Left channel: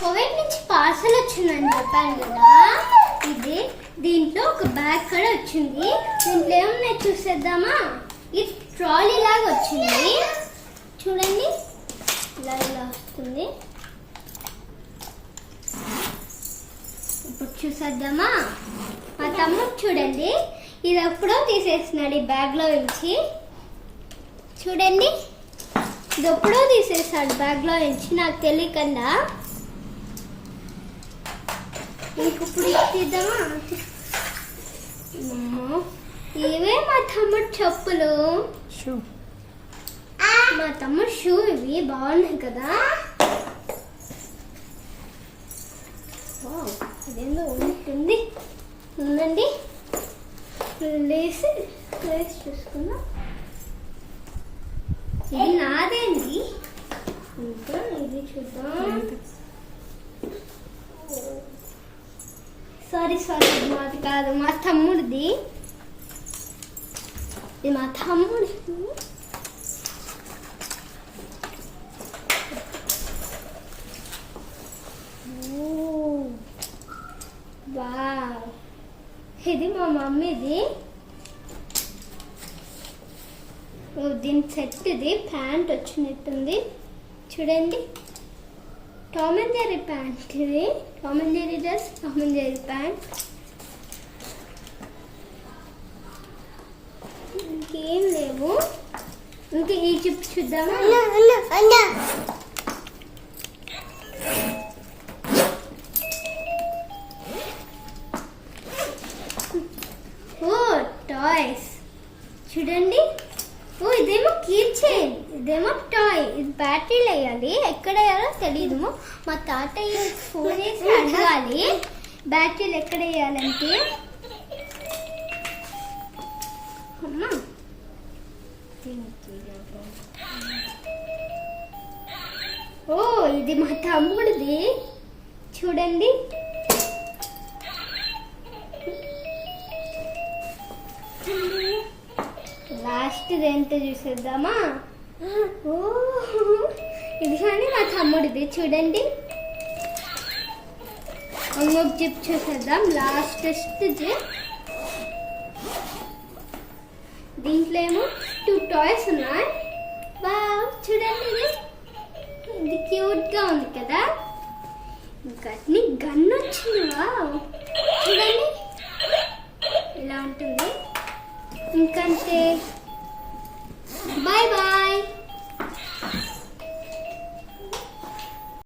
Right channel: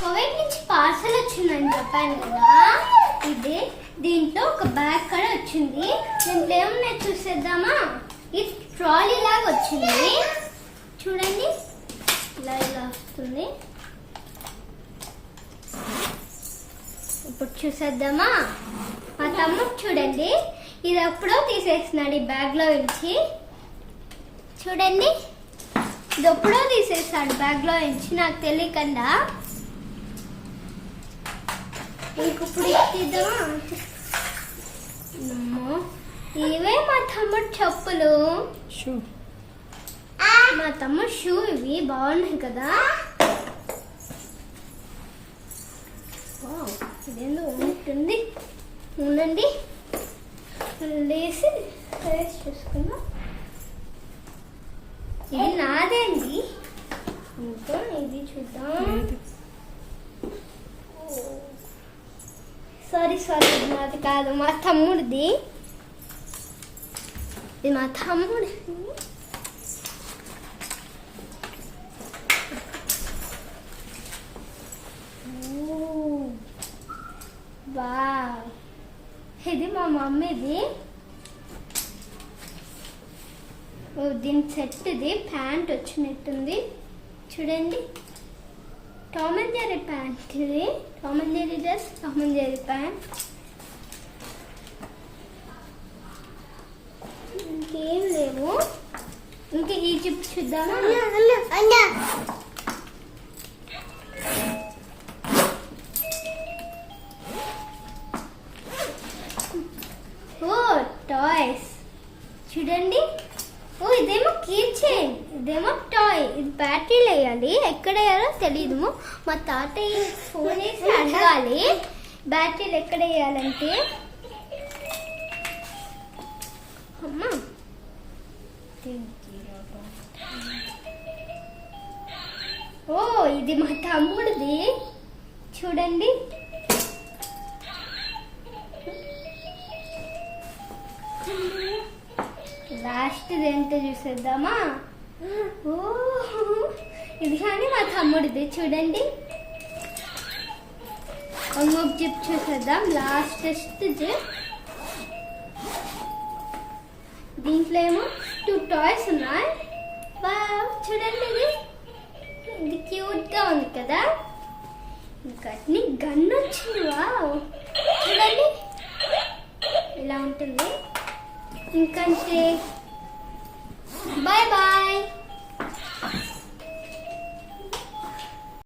Covid నుంచి parcel వచ్చిందని చెప్పాను కదా. ఇది దీంట్లో ఒక బ్యాగ్ కూడా వచ్చింది. దీంట్లో ఏమున్నాయి చూసేద్దామా. ఇది ట్రాలీ లాగా వచ్చింది చూడండి, ఇలా ఇలా వస్తుంది. ఇప్పుడు చూసేద్దామా. మా తమ్ముడు చూడండి, ఇది ఎప్పుడో తీసేసినాడు ఈ బ్యాగ్ లో నుంచి. చూడండి, ఇది ఎప్పుడో తీసేసాడు బ్యాగ్ లో నుంచి, నాకు తెలియకుండా. ఇప్పుడు తీద్దామా. ఇవే మా తమ్ముడు చెప్పులు, షూ. మా తమ్ముడు షూ. ఇవి బాగున్నాయి కదా. ఇదేందో ఉంటుంది, ఉందండి. లేసి చూసుకుందాం. ఇది నాదేండి. ఇంకా ఇది చూద్దాం. సారీ నాది కాదు, మా తమ్ముడిది. ఇది మా తమ్ముడి. వావ్, ఇది మా మమ్మీది. దీని సెట్, ఇది ప్యాంట్ వచ్చినట్టుంది చూడండి. Tom and Jerry pant. ఇది Tom and Jerry dress, Tom and Jerry pant. ఇంకేం లేవు. ఇంకా ఈ చిప్ చూద్దామా. ఓ టాయ్స్ చూడండి. ఓ ఇదేమో కీ చైన్, ఇదేమో టాయ్. ఇది బ్యాటరీలు వేయాలి, ఎక్కడ వేయాలో తెలీదు. మా తాతయ్య ఫోన్ వేసి అడగాలి బ్యాటరీలు ఎక్కడ వేయాలంటే. అమ్మా, ఓ ఇది మా తమ్ముడిది చూడండి. లాస్ట్ ఏంటో చూసేద్దామా. ఓ ఇది కానీ మా తమ్ముడిది చూడండి. ఇంకొక జిప్ చూసేద్దాం, లాస్ట్ జిప్. దీంట్లో ఏమో 2 టాయ్స్ ఉన్నాయి. వావ్ చూడండి, ఇది క్యూట్ గా ఉంది కదా. ఇంకా గన్ వచ్చింది. వావ్ చూడండి, ఇలా ఉంటుంది. ఇంకంతే. Bye bye.